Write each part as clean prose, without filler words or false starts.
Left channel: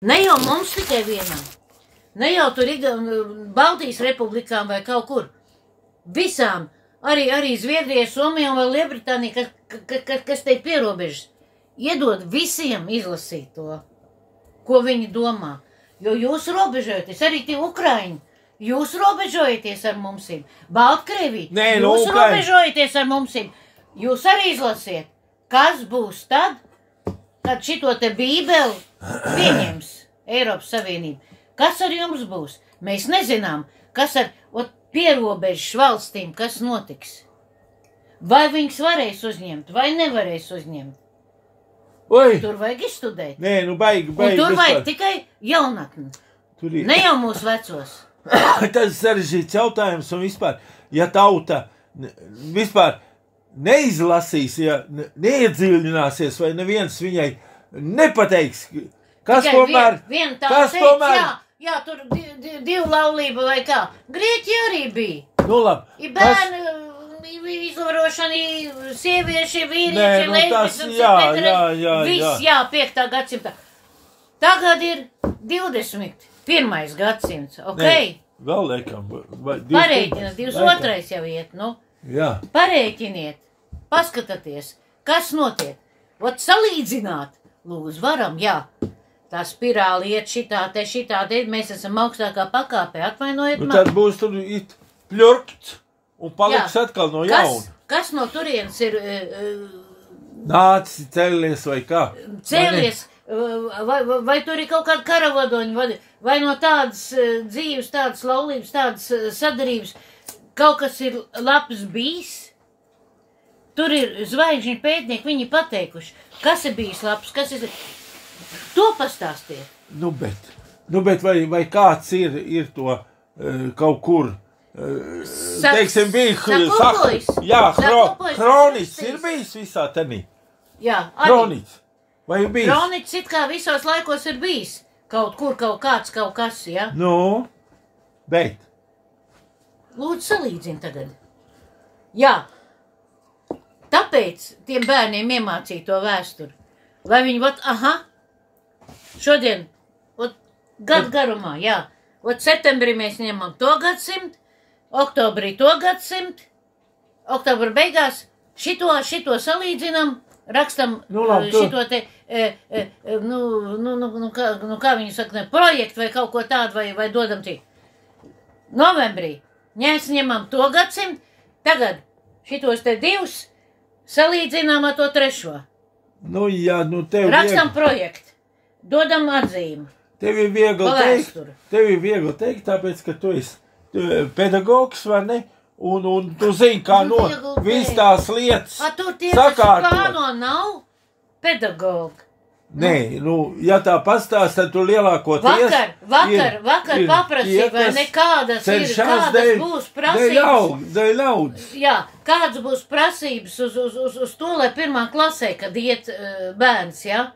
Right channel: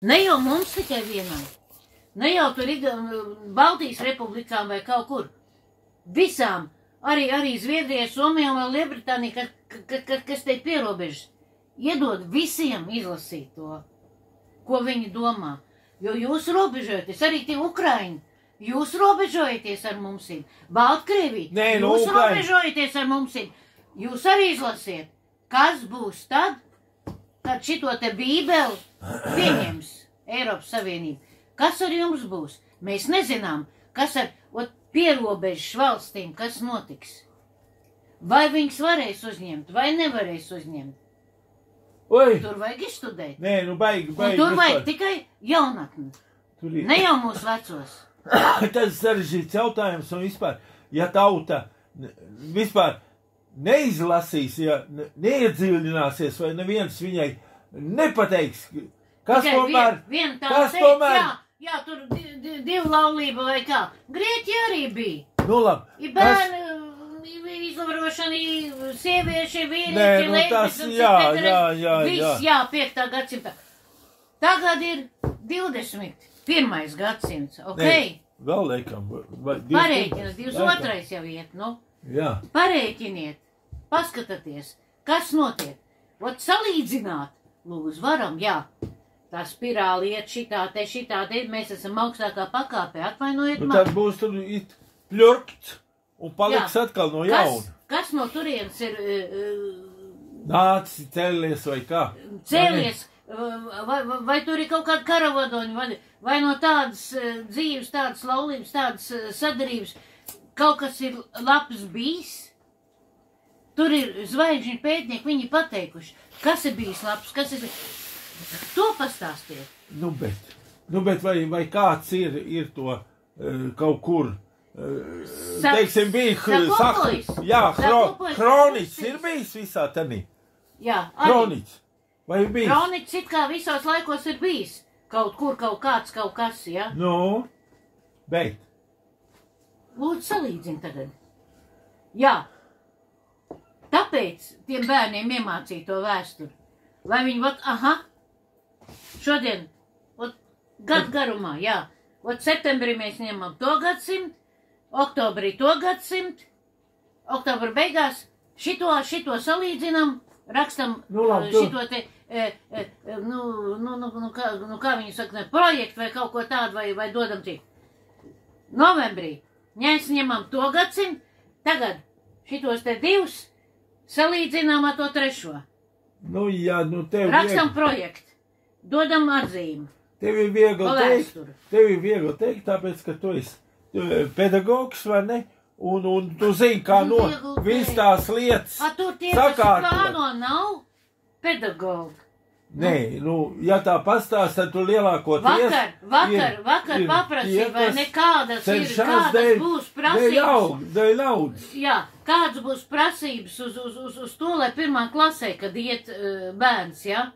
Ne jau mums tikai vienam. Ne jau tur Baltijas republikām vai kaut kur. Visām. Arī Zviedrijai, Somijai vai Lielbritānijai, kas te pierobežas. Iedod visiem izlasīt to, ko viņi domā. Jo jūs robežojaties, arī tie Ukraiņi. Jūs robežojaties ar mumsīm. Baltkrievī, jūs robežojaties ar mumsīm. Jūs arī izlasiet, kas būs tad, kad šito te bībeli pieņems Eiropas Savienība. Kas ar jums būs? Mēs nezinām, kas ar pierobežas valstīm, kas notiks. Vai viņas varēs uzņemt, vai nevarēs uzņemt. Oi. Tur vajag izstudēt. Nē, nu baigi. Un tur vajag tikai jaunatni. Ne jau mūsu vecos. Tas sarežģīts jautājums un vispār, ja tauta vispār neizlasīs, ja neiedziļināsies, vai neviens viņai nepateiks, kas tomēr... Jā, tur divu laulību vai kā. Grieķi arī bija. Nu labi. Bērnu izvarošana, sievieši, vīrieši, leibis un jā. Viss, jā, 5. gadsimta. Tagad ir 21. gadsimts, ok? Ne, vēl liekam. Parēķiniet, 22. jau iet, nu. Jā. Parēķiniet, paskatieties, kas notiek. Ot salīdzināt, lūdzu, varam, jā. Tā spirāli iet šitā te, mēs esam augstākā pakāpē, atvainojiet man. Nu tad būs tur it pļurkt un paliks atkal no jauna. Kas no turienes ir... Nācis, cēlies vai kā? Cēlies, vai tur ir kaut kāda karavadoņa, vai no tādas dzīves, tādas laulības, tādas sadarības, kaut kas ir labs bijis? Tur ir zvaigžņu pētnieki, viņi pateikuši, kas ir bijis labs, kas ir... To pastāstiet. Nu, bet vai kāds ir to kaut kur, teiksim, bija Hronics ir bijis visā tenī? Jā, arī. Hronics. Vai ir bijis? Hronics it kā visos laikos ir bijis. Kaut kur, kaut kāds, kaut kas, jā? Nu, bet. Lūdzu, salīdzini tagad. Jā. Tāpēc tiem bērniem iemācīja to vēsturi. Lai viņi, šodien, gadu garumā, jā. Septembrī mēs ņemam to gadsimt, oktobrī to gadsimt, oktobra beigās šito salīdzinam, rakstam šito te, kā viņi saka, projektu vai kaut ko tādu, vai dodam tik. Novembrī mēs ņemam to gadsimt, tagad šitos te divus salīdzinām ar to trešo. Nu, jā, nu tev rakstam projektu, dodam atzīmi. Tev ir viegli teikt, tāpēc, ka tu esi pedagogs, vai ne? Un tu zini, kā viss tās lietas sakārtot. Tur tie, kas plāno, nav pedagogi. Nē, nu, ja tā pastāst, tad tu lielākoties... Vakar paprasīja, vai nekādas būs prasības. Dēļ naudas. Jā, kādas būs prasības uz to, lai pirmā klasē, kad iet bērns, jā?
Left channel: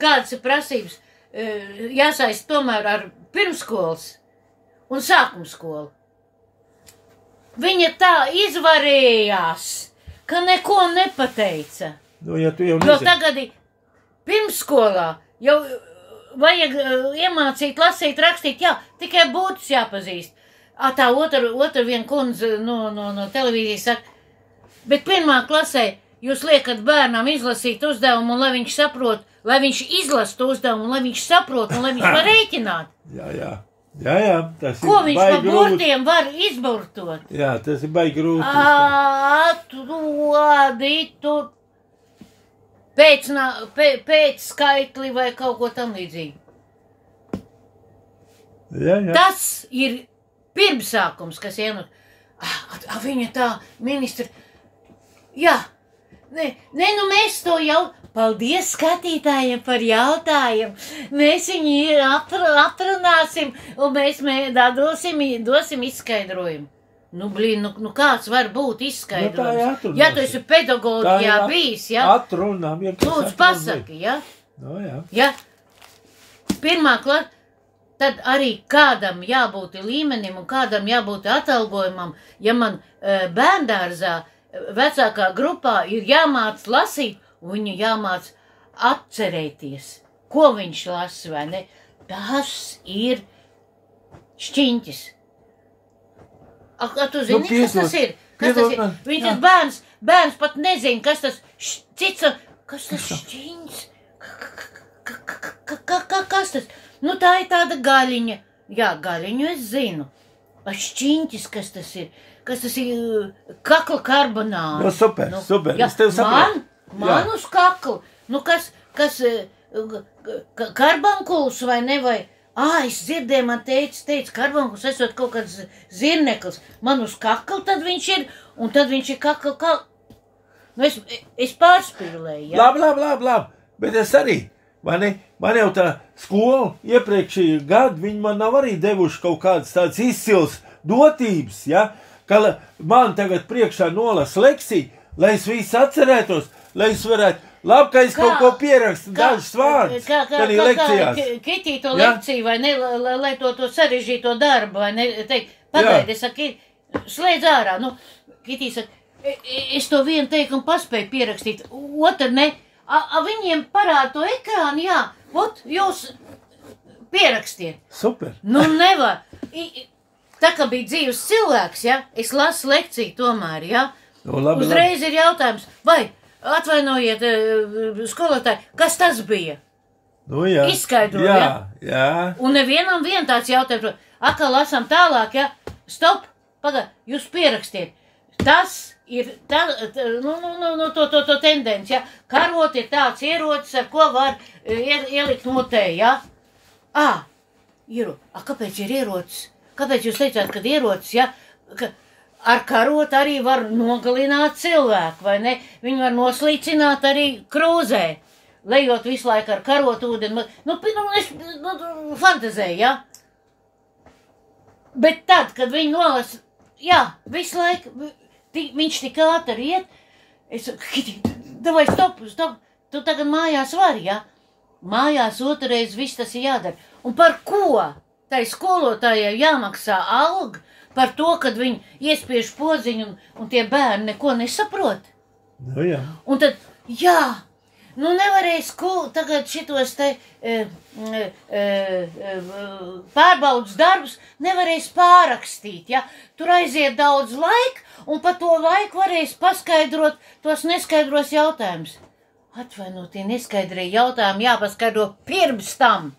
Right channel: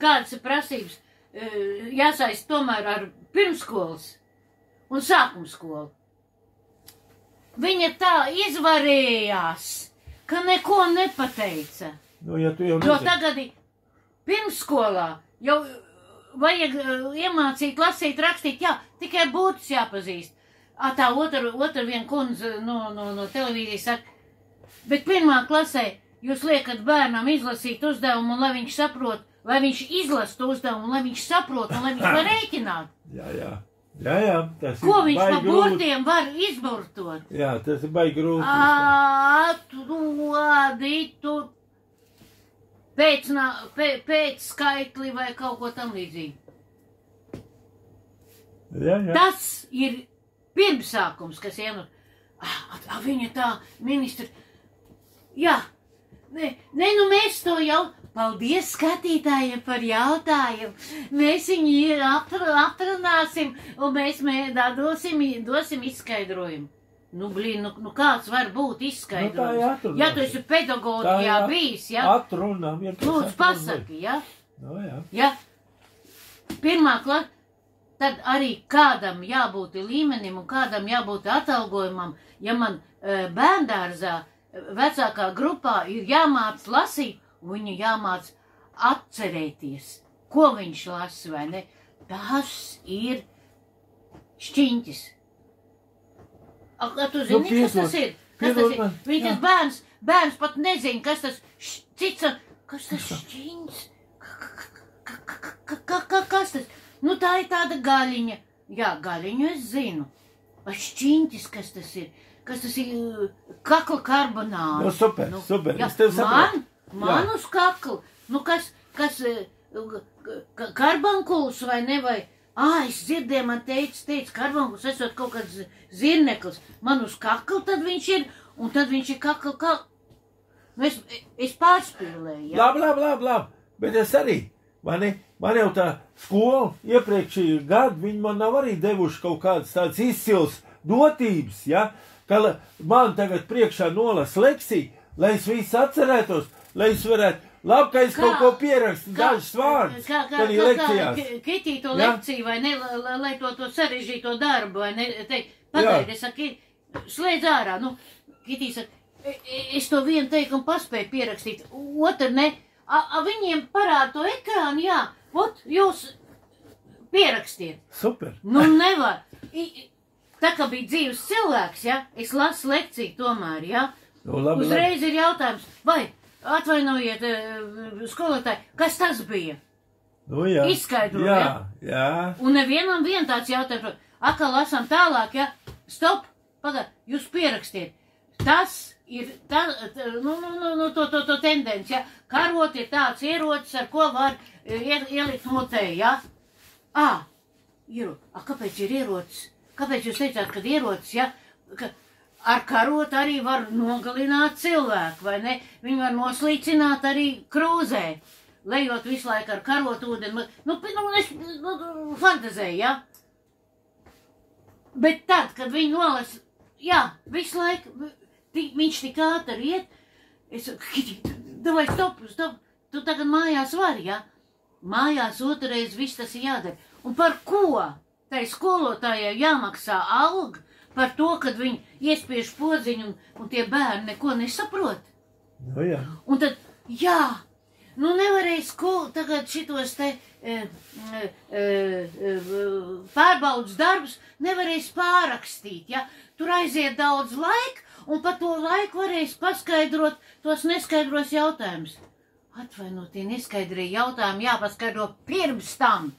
Kādas ir prasības? Jāsaist tomēr ar pirmskolas un sākumskolu. Viņa tā izvarījās, ka neko nepateica. Nu, ja tu jau nezini. Jo tagad pirmskolā jau vajag iemācīt, lasīt, rakstīt, jā, tikai būtus jāpazīst. Tā otra viena kundze no televīzijas saka, bet pirmā klasē jūs liekat bērnam izlasīt uzdevumu, un lai viņš saprot, lai viņš izlasa to uzdevumu, lai viņš saprot, un lai viņš var rēķināt. Jā, tas ir baigi grūti. Ko viņš pa burtiem var izburtot? Jā, tas ir baigi grūti. Atrodi tur pēc skaitli vai kaut ko tam līdzīgi. Jā. Tas ir pirmsākums, kas ienāk. Viņa tā, ministra. Jā. Nu mēs to jau... Paldies skatītājiem par jautājumu. Mēs viņu atrunāsim un mēs dosim izskaidrojumu. Nu kāds var būt izskaidrojums? Ja tu esi pedagogijā bijis, jā? Atrunām. Lūdzu, pasaki, jā? No, jā. Ja? Pirmā klasa, tad arī kādam jābūt līmenim un kādam jābūt atalgojumam. Ja man bērndārzā vecākā grupā ir jāmāc lasīt, viņu jāmāc atcerēties, ko viņš lasa, vai ne? Tas ir šķiņķis. Tu zini, kas tas ir? Viņš tas bērns pat nezina, kas tas kas tas šķiņķis? Kas tas? Nu, tā ir tāda gaļiņa. Jā, gaļiņu es zinu. Šķiņķis, kas tas ir? Kas tas ir? Kakla karbonāde. Nu, super. Jā, es tev saprotu. Man uz kakla. Nu, kas karbankuls vai ne, vai? Es dzirdēju, man teica, karbankuls esot kaut kāds zirneklis. Man uz kakla tad viņš ir, un tad viņš ir kakla. Nu, es pārspīlēju, jā. Labi. Bet es arī, man jau tā skola iepriekšējā gada, viņi man nav arī devuši kaut kādas tādas izcils dotības, ja? Ka man tagad priekšā nolas leksiju, lai es visu atcerētos, lai es varētu, labi, ka es kaut ko pierakstu, dažas vārdus, kad ir lekcijās. Kitīto lekciju, vai ne, lai to sarežģīto darbu, vai ne, teikt, pagaidi, es saku, slēdz ārā, nu, Kitī saka, es to vienu teikumu paspēju pierakstīt, otru ne, viņiem parāda to ekrānu, jā, jūs pierakstiet. Super. Nu, nevar. Tā kā bija dzīves cilvēks, ja, es lasu lekciju tomēr, ja. Nu, labi. Uzreiz ir jautājums, vai, atvainojiet, skolotāji, kas tas bija? Nu, jā. Izskaidro, jā. Un nevienam tāds jautājums, atkal lasām tālāk, ja, stop, jūs pierakstiet. Tas ir to tendenci, ja, karot ir tāds ierocis, ar ko var ielikt mutē, ja. Kāpēc ir ierocis? Kāpēc jūs teicāt, kad ierocis, ja, ka ar karot arī var nogalināt cilvēku, vai ne? Viņi var noslīcināt arī krūzē, lejot visu laiku ar karot ūdeni. Es fantazēju, ja? Bet tad, kad viņi nolasa, jā, visu laiku, viņš tik ātri iet, davai, stop, tu tagad mājās vari, ja? Mājās otrreiz viss tas ir jādara. Un par ko? Tai skolotājai jāmaksā alga par to, kad viņi iespiež podziņu un tie bērni neko nesaprot. Nu, jā. Un tad, nevarēja tagad šitos te pārbaudas darbus nevarēs pārrakstīt, ja? Tur aiziet daudz laika, un pa to laiku varēs paskaidrot tos neskaidros jautājumus. Tie neskaidrie jautājumi jāpaskaidro pirms tam.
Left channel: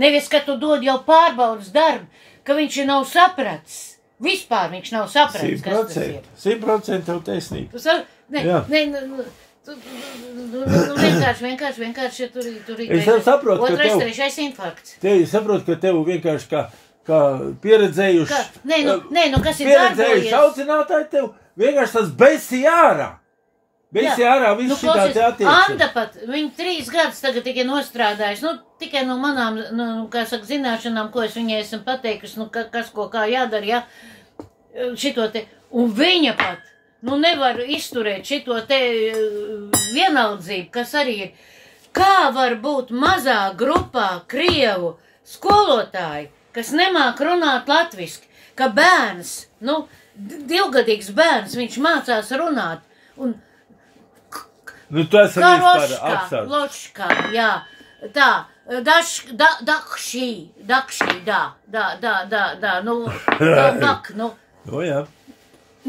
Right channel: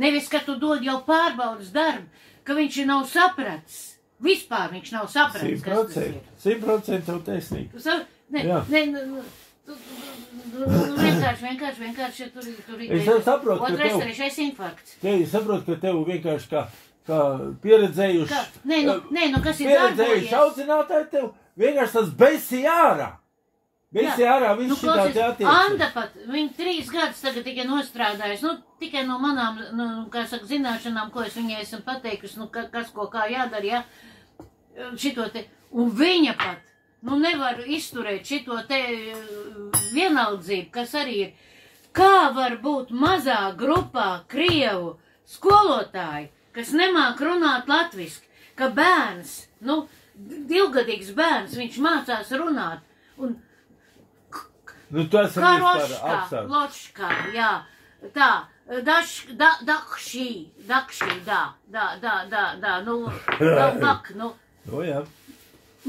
Nevis, ka tu dod jau pārbaudas darbu, ka viņš nav sapratis. Vispār viņš nav sapratis, kas tas ir. 100% tev taisnība. Vienkārši tur es saprotu, ka otrais, trešais infarkts. Es saprotu, ka tev vienkārši kā pieredzējuši. Kas ir pieredzējuši audzinātāji tev vienkārši tas besi ārā. Visi ārā, viss šitā te attiecas. Anda pat, viņi 3 gadus tagad tikai nostrādājis, tikai no manām, zināšanām, ko es viņai esmu pateikusi, kas ko kā jādara, ja, šito te, un viņa pat, nevar izturēt šito te vienaldzību, kas arī ir, kā var būt mazā grupā krievu skolotāji, kas nemāk runāt latviski, ka bērns, 2-gadīgs bērns, viņš mācās runāt, un tas ir vispār apsāds. Ločkā, jā, tā, dakšī, jā.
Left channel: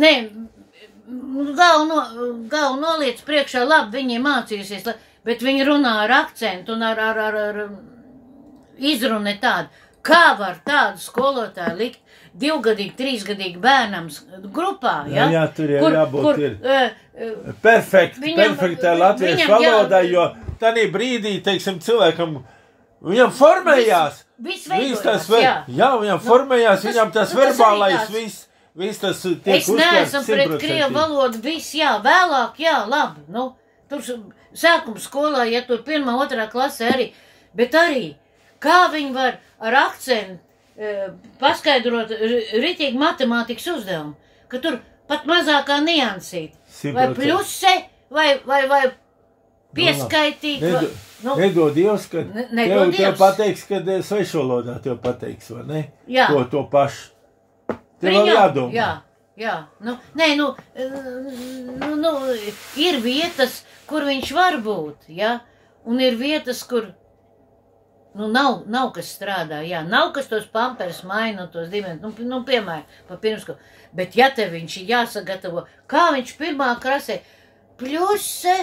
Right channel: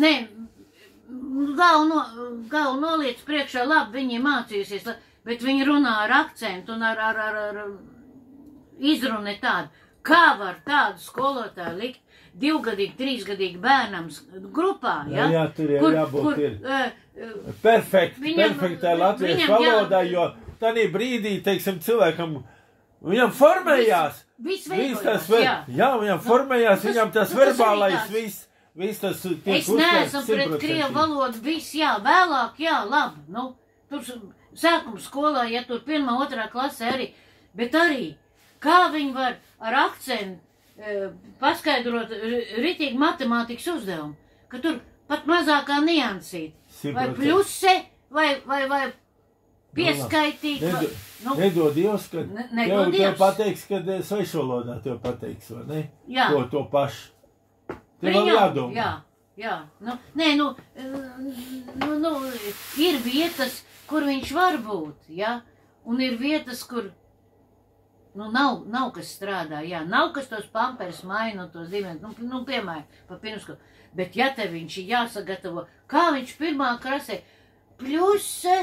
Nē, galvu noliec priekšā, labi, viņi mācījusies, bet viņi runā ar akcentu un ar izruni tādu. Kā var tādu skolotāju likt 2-gadīgi, 3-gadīgi bērnam grupā, ja? Jā, tur jau jābūt perfektā latviešu valodā, jo tādā brīdī, teiksim, cilvēkam, viņam formējās, viņam formējās, viņam tas verbālais, viss tas tiek uztverts 100%. Es neesmu pret krievu valodu, viss, vēlāk, labi, tur sākuma skolā, ja tur 1., 2. klasē arī, bet arī, kā viņi var ar akcentu paskaidrot ritīgi matemātikas uzdevumu, ka tur pat mazākā niansīt, vai pļuse, vai pieskaitīt. Nedod Dievs, kad tev pateiks, kad svešvalodā tev pateiks, vai ne? Jā. To pašu. Tev vēl jādomā. Jā. Ir vietas, kur viņš var būt, ja? Un ir vietas, kur Nu, nav kas strādā, jā, nav kas tos pampers maina, tos dimensijas, nu, piemēram, pa pirmsko. Bet ja te viņš ir jāsagatavo, kā viņš pirmā krasē, pļuse,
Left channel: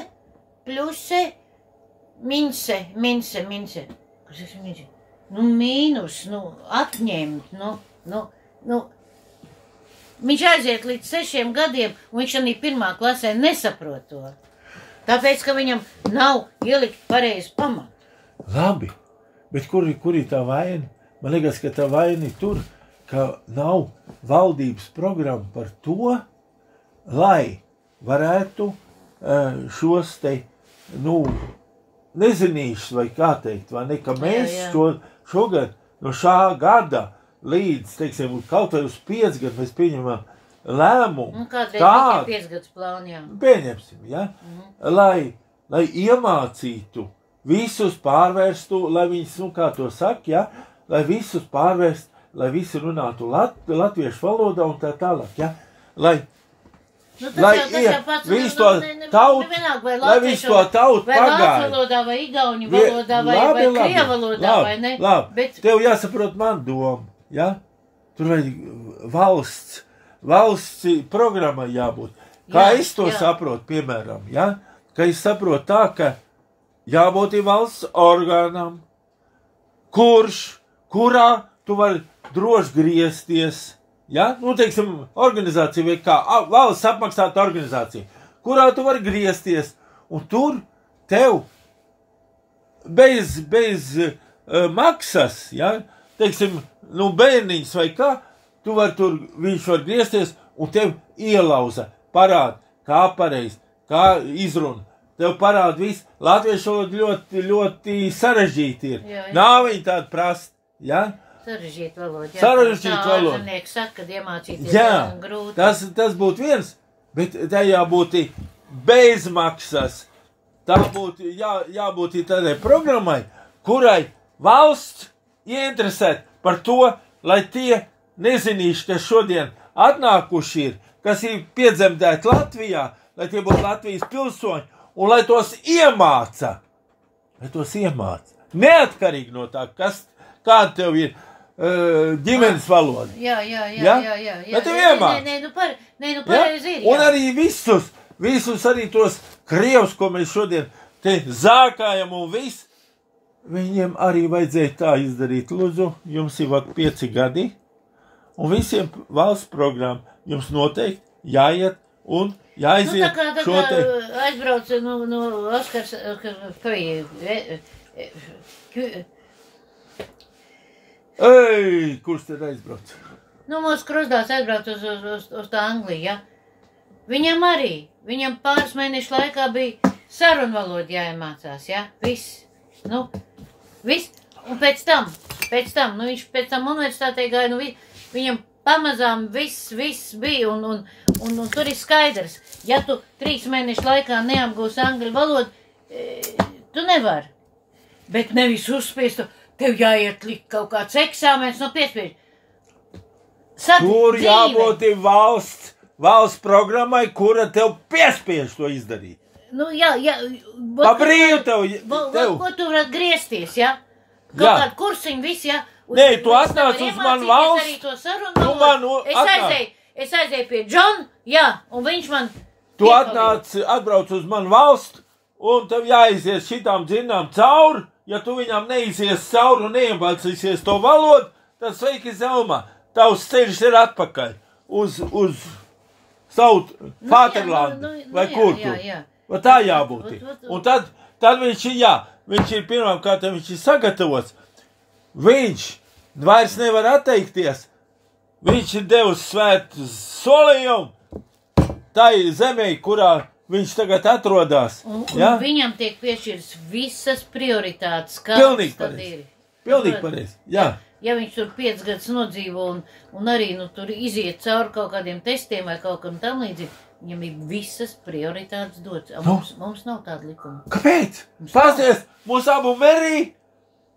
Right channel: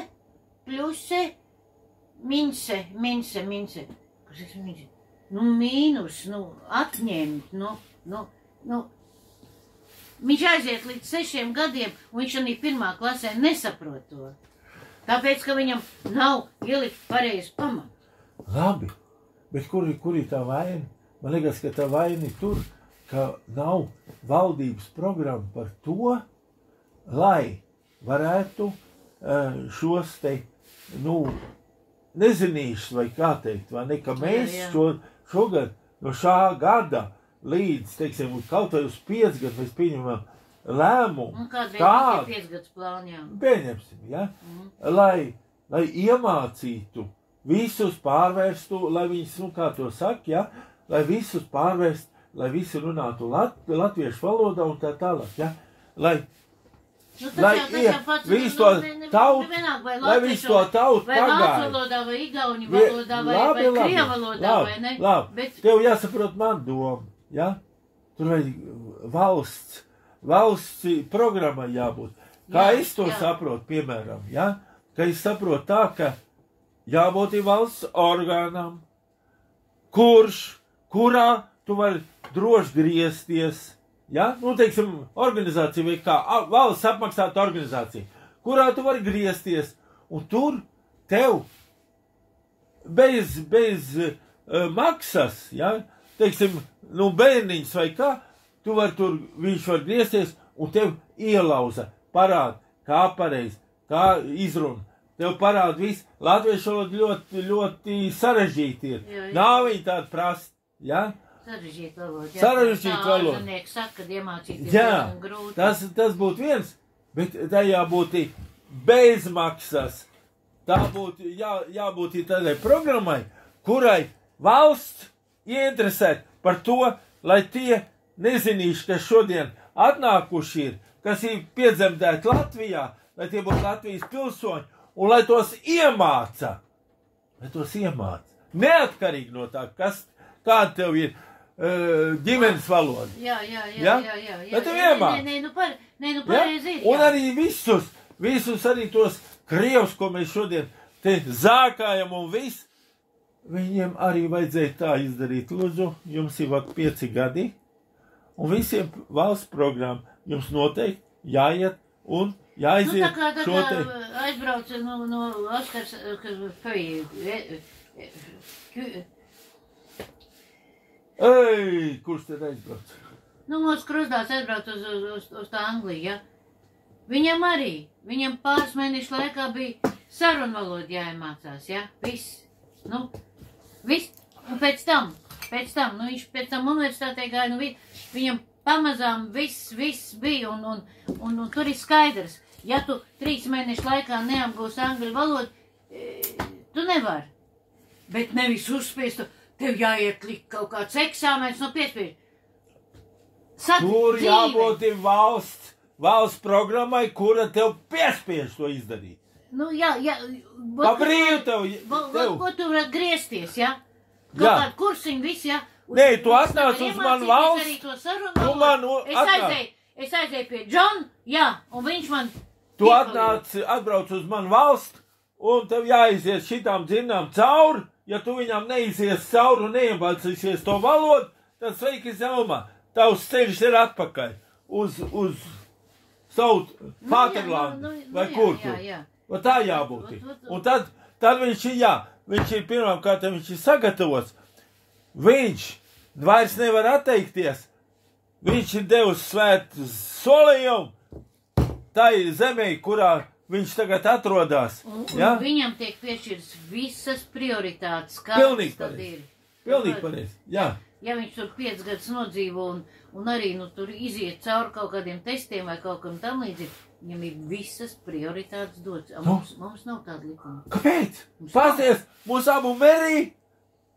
minse. Kas ir minse? Nu, mīnus, nu, atņemt, nu. Viņš aiziet līdz 6 gadiem, un viņš arī pirmā klasē nesaprot to. Tāpēc, ka viņam nav ielikt pareizi pamatu. Labi, bet kur ir tā vaina? Man liekas, ka tā vaina ir tur, ka nav valdības programma par to, lai varētu šos te, nu, nezinīšus, vai kā teikt, vai ne, ka mēs šogad, no šā gada līdz, teiksim, kaut vai uz 5 gadu mēs pieņemam lēmumu. Kādreiz tādu 5 gadus plānu, jā. Pieņemsim, ja? Lai iemācītu visus pārvērstu, lai viņus, nu kā to saka, ja? Lai visus pārvērst, lai visi runātu latviešu valodā un tā tālāk, ja? Lai visu to tautu pagāja. Vai vācu valodā, vai igauņu valodā, vai krievu valodā, vai ne? Labi, tev jāsaprot man domu, ja? Tur vajag valsts programmai jābūt. Kā es to saprotu, piemēram, ja? Ka es saprotu tā, ka jābūt valsts orgānam, kurā tu vari droši griezties, ja? Nu, teiksim, organizācija vai kā valsts apmaksāta organizācija, kurā tu vari griezties, un tur tev bez maksas, ja? Teiksim, nu, bērniņš vai kā, viņš var griezties, un tev ielauza, parāda, kā pareizi, kā izruna. Tev parāda viss. Latviešu valoda ļoti, ļoti sarežģīti ir. Jā. Nav viņi tādi prasti, ja? Sarežģīta valoda. Sarežģīta valoda. Ārzemnieki saka, kad iemācīties grūti. Tas būtu viens, bet tā jābūt bez maksas. Tā būtu jābūt tādai programmai, kurai valsts ieinteresēt par to, lai tie nezinīši, kas šodien atnākuši ir, kas ir piedzemdēti Latvijā, lai tie būtu Latvijas pilsoņi, un lai tos iemāca. Neatkarīgi no tā, kāda tev ir ģimenes valoda. Jā. Lai tev iemāca. Pareizi ir. Un arī visus arī tos krievus, ko mēs šodien te zākājam un viss, viņiem arī vajadzēja tā izdarīt. Lūdzu, jums ir 5 gadi, un visiem valsts programmu jums noteikti jāiet un jāiziet šo te... Aizbrauc no Oskars, kurš te aizbrauc? Nu, mūsu krustdāts aizbrauc uz tā Angliju, ja? Viņam pāris mēnešu laikā bija sarunvaloda jāiemācās, ja? Viss. Un pēc tam, viņš pēc tam universitātē gāja, viņam pamazām viss bija, un tur ir skaidrs, ja tu 3 mēnešu laikā neapgūsi angļu valodu, tu nevari. Bet nevis uzspiest, tev jāiet likt kaut kāds eksāmens no piespiež. Tur jābūt valsts programmai, kura tev piespiež to izdarīt. Nu, jā. Pa brīvu tev. Ko tu vari griezties, ja? Kaut kādu kursiņu viss, ja? Nē, tu atnāc uz manu valsts. Es aizēju pie Džona, jā, un viņš man... Tu atbrauc uz manu valstu, un tev jāizies šitām dzinām cauri. Ja tu viņām neizies cauri un neiemācīsies to valodu, tad sveiki zelmā. Tavs ceļš ir atpakaļ uz savu Vaterlandu, vai kur tu. Vai tā jābūt. Un tad viņš ir pirmām kārtām, viņš ir sagatavots. Viņš vairs nevar atteikties. Viņš ir devis svētu solījumu tai zemē, kurā viņš tagad atrodas. Ja? Viņam tiek piešķirs visas prioritātes. Pilnīgi pareizi. Jā. Ja viņš tur 5 gadus nodzīvo un arī tur iziet cauri kaut kādiem testiem vai kaut kam tam līdzīgi, viņam ir visas prioritātes dots. Mums nav tāda likuma. Kāpēc? Pasties, mūsu abu merī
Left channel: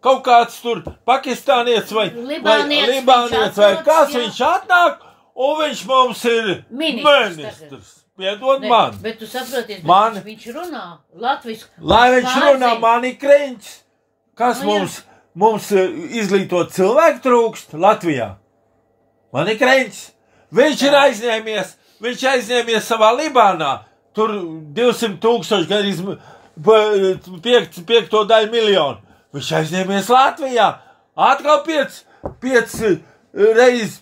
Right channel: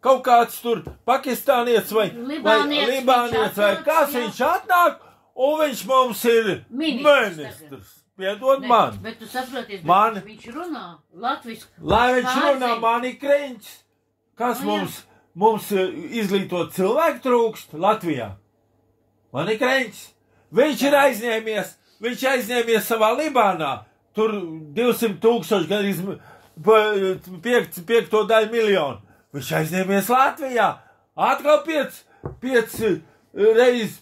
kaut kāds tur pakistānietis vai libānietis vai kāds viņš atnāk, un viņš mums ir ministrs. Piedod man. Bet tu saproties, viņš runā latvisku. Lai viņš runā, man ir kreņķis. Kas mums mums izglītot cilvēku trūkst Latvijā. Man ir kreņķis. Viņš ir aizņēmies savā Libānā. Tur 200,000, gan 5 daļu miljonu. Viņš aizņēmies Latvijā. Atkal 5 reizes,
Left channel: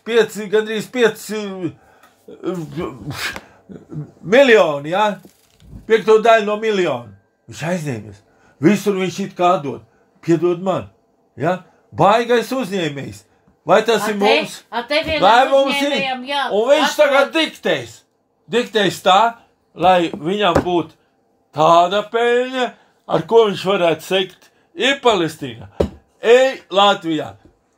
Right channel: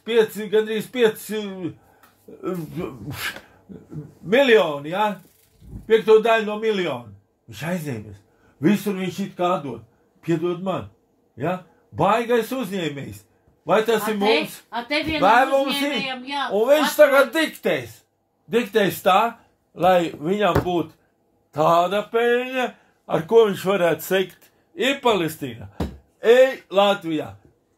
gandrīz 5 miljoni, jā? 5 daļu no miljonu. Viņš aizņēmies. Visur viņš it kā dod. Piedod man. Ja? Baigais uzņēmējs. Vai tas ir mums? Vai mums ir? Un viņš tagad diktēs. Diktēs tā, lai viņam būtu tāda peļņa, ar ko viņš varētu sekt. Ir Palestīna. Ej Latvijā.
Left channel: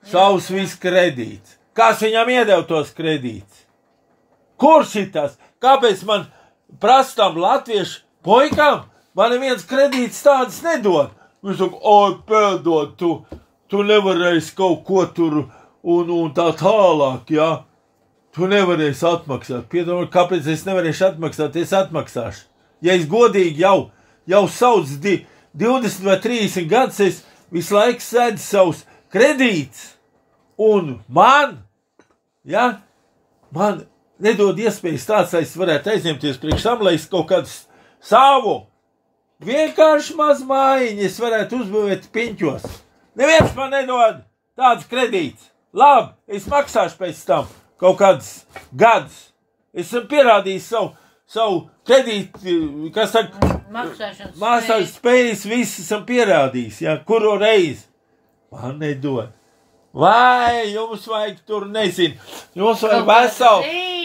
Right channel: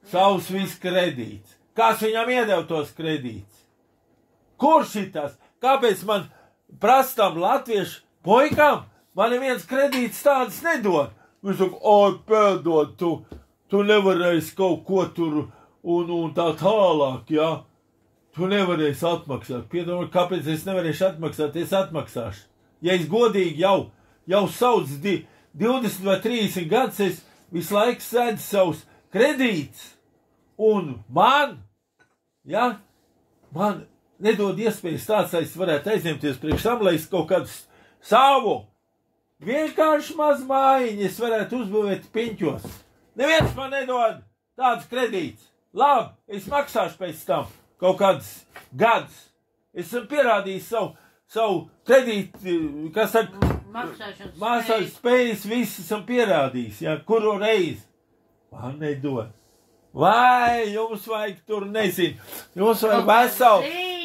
Savus viss kredīts. Kas viņam iedeva tos kredīts? Kurš ir tas? Kāpēc man prastam latviešu puikām? Man neviens kredīts tādas nedod. Viņš saka, oi, pēdod, tu nevarēsi kaut ko tur un tā tālāk, jā. Tu nevarēsi atmaksāt. Piedomā, kāpēc es nevarēšu atmaksāt? Es atmaksāšu. Ja es godīgi jau savus 20 vai 30 gadus, es visu laiku sēdu savus kredītus. Un man nedod iespējas tāds, lai es varētu aizņemties priekš tam, lai es kaut kādu savu vienkārši maz mājiņu es varētu uzbūvēt piņķos. Neviens man nedod tādus kredītus. Labi, es maksāšu pēc tam kaut kādus gadus. Es esmu pierādījis savu kredītu, kas saka, maksāšanas spējas, viss esam pierādījis, jā, kuru reizi. Man nedod. Vai jums vajag tur, nezinu, jums vajag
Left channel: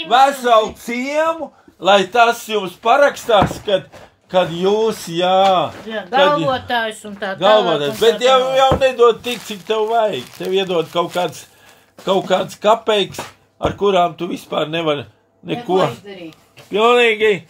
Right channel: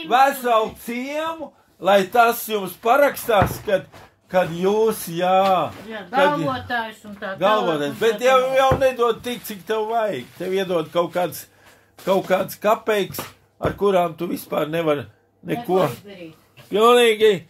veselu ciemu, lai tas jums parakstās, kad jūs, galvotājs un tā galvotājs, bet jau nedod tik, cik tev vajag. Tev iedod kaut kāds kapeiks, ar kurām tu vispār nevari neko. Pilnīgi